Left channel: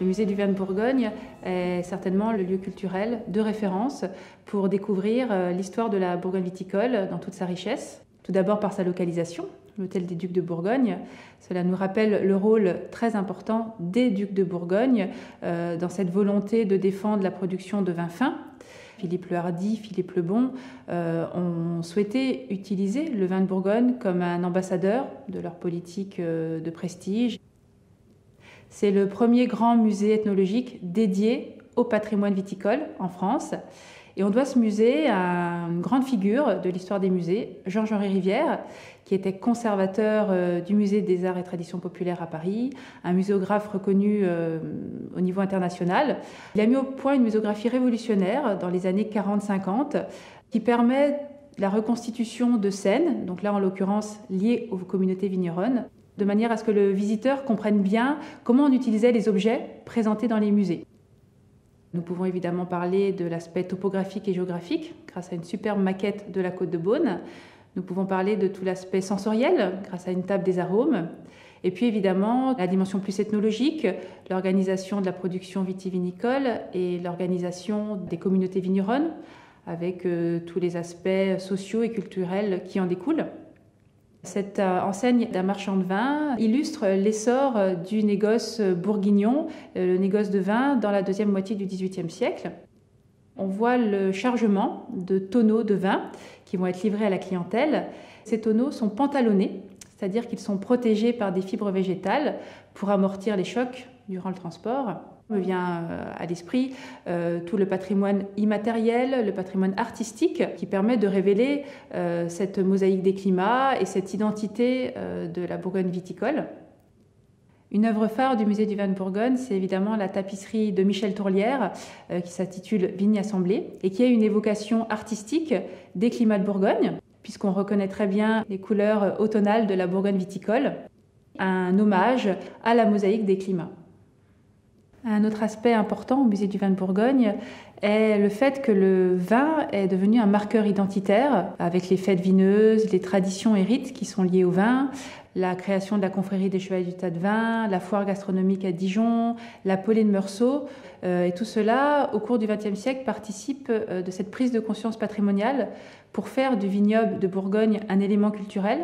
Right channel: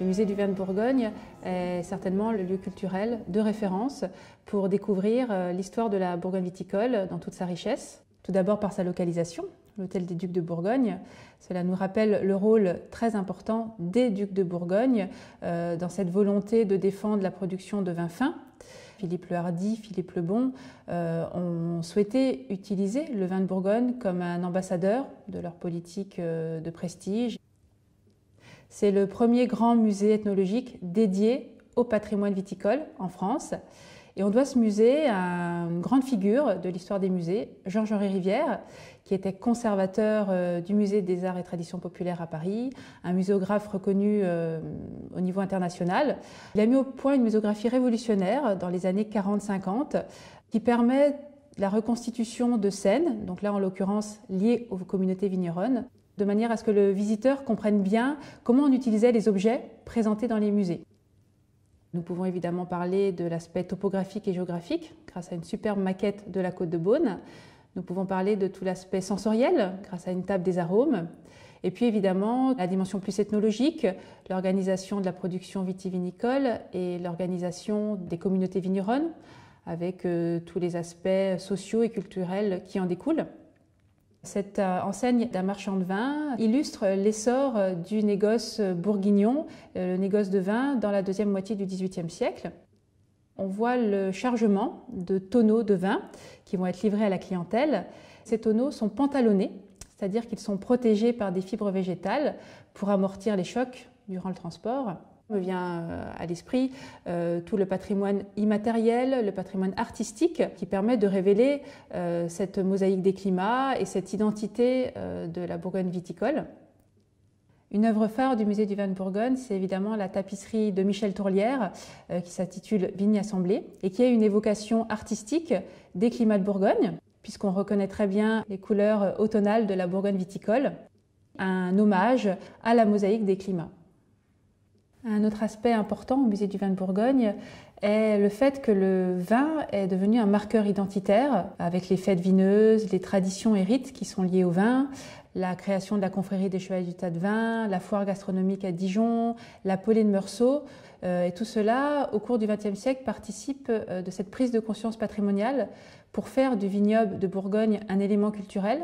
Le musée du vin de Bourgogne est certainement le lieu culturel de référence pour découvrir l'histoire de la Bourgogne viticole dans toute sa richesse. Tout d'abord par sa localisation, l'hôtel des Ducs de Bourgogne. Cela nous rappelle le rôle très important des Ducs de Bourgogne dans cette volonté de défendre la production de vins fins. Philippe le Hardi, Philippe le Bon ont souhaité utiliser le vin de Bourgogne comme un ambassadeur de leur politique de prestige. C'est le premier grand musée ethnologique dédié au patrimoine viticole en France. Et on doit ce musée à une grande figure de l'histoire des musées, Georges-Henri Rivière, qui était conservateur du musée des arts et traditions populaires à Paris, un muséographe reconnu au niveau international. Il a mis au point une muséographie révolutionnaire dans les années 40-50 qui permet la reconstitution de scènes, donc là en l'occurrence liées aux communautés vigneronnes, de manière à ce que le visiteur comprenne bien comment on utilisait les objets présentés dans les musées. Nous pouvons évidemment parler de l'aspect topographique et géographique grâce à une superbe maquette de la Côte de Beaune. Nous pouvons parler de tout l'aspect sensoriel grâce à une table des arômes. Et puis évidemment, la dimension plus ethnologique, l'organisation de la production vitivinicole et l'organisation des communautés vigneronnes avec tous les aspects sociaux et culturels qui en découlent. Cette enseigne d'un marchand de vin illustre l'essor du négoce bourguignon, le négoce de vin dans la deuxième moitié du XVIIIe siècle. On voit le chargement de tonneaux de vin qui vont être livrés à la clientèle. Ces tonneaux sont pantalonnés, c'est-à-dire qu'ils sont protégés par des fibres végétales pour amortir les chocs durant le transport. Me vient à l'esprit tout le patrimoine immatériel, le patrimoine artistique qui permet de révéler cette mosaïque des climats et cette identité de la Bourgogne viticole. Une œuvre phare du musée du vin de Bourgogne, c'est évidemment la tapisserie de Michel Tourlière qui s'intitule Vigne assemblée et qui a une évocation artistique des climats de Bourgogne, puisqu'on reconnaît très bien les couleurs automnales de la Bourgogne viticole, un hommage à la mosaïque des climats. Un autre aspect important au musée du vin de Bourgogne est le fait que le vin est devenu un marqueur identitaire avec les fêtes vineuses, les traditions et rites qui sont liés au vin, la création de la confrérie des Chevaliers du Tas de Vin, la foire gastronomique à Dijon, la Paulée de Meursault. Et tout cela, au cours du XXe siècle, participe de cette prise de conscience patrimoniale pour faire du vignoble de Bourgogne un élément culturel.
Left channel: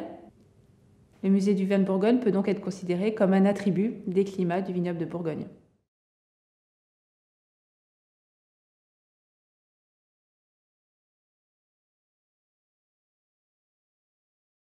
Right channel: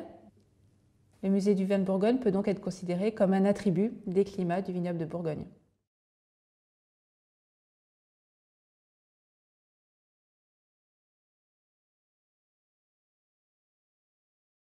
Le musée du vin de Bourgogne peut donc être considéré comme un attribut des climats du vignoble de Bourgogne.